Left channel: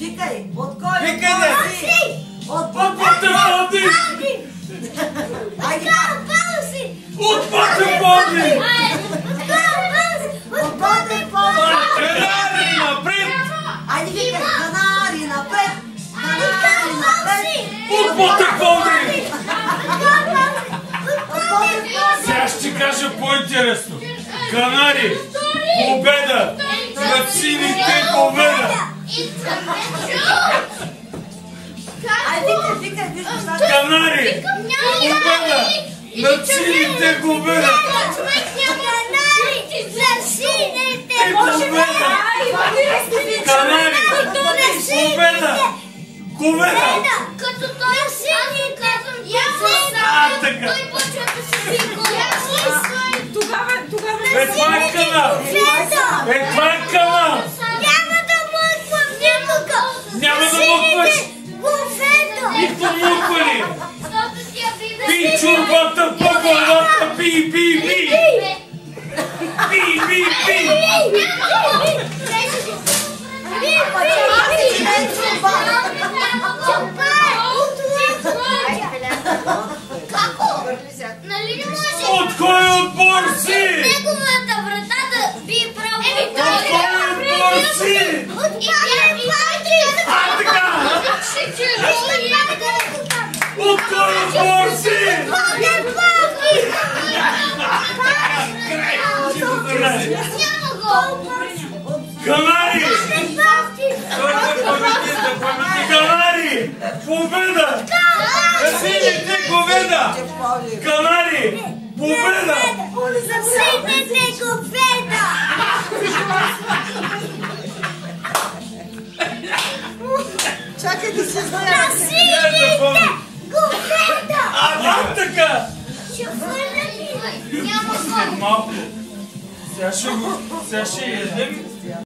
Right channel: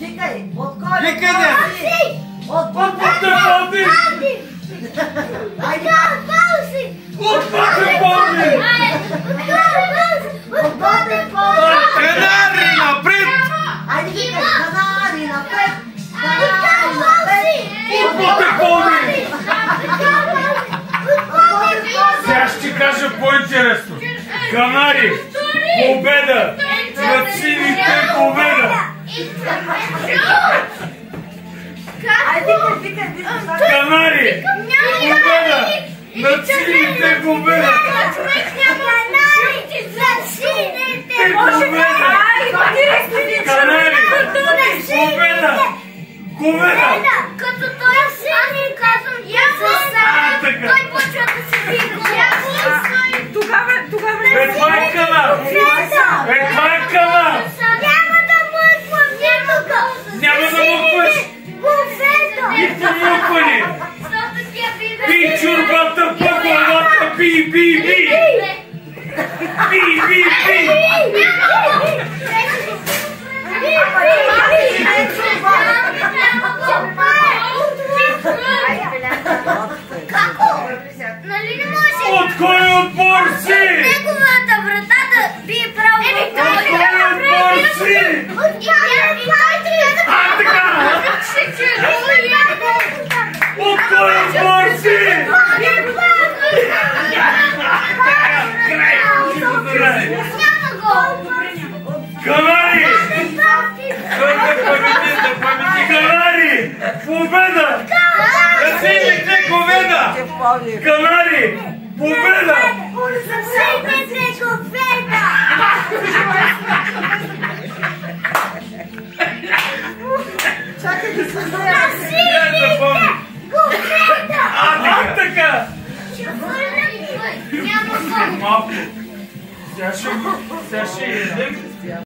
Викай! От кой? Викай, не! От Патефони! Айде! От Патефони! От Патефони! Канари напред! Айде викай! Канари напред! Канари напред! От Патефони! От Патефони! Сега ще кажа по-интересно. Канари! Победа! Над сините победа! Айде викай! Канари! Победа! Над сините победа! Канари! Победа! Победа! Като той сини, казвам, той почва да се виква. Тогава Бе, това е канар! Бе, това е канар! Няма да мъквам никога. Няма да мъкваш! Нито мъкване! Пи чурбата по главата, пи, пи, пи! Пи, пи, пи! Како? Нали не може? От кой отбор си? Неговата врата да би право. От кой отбор си? А, така! От кой отбор си? Канари! Канари! Победа! На сините победа! Канари! Победа! Чакай да се знае! А, така! Няма Малко. Сега ще едем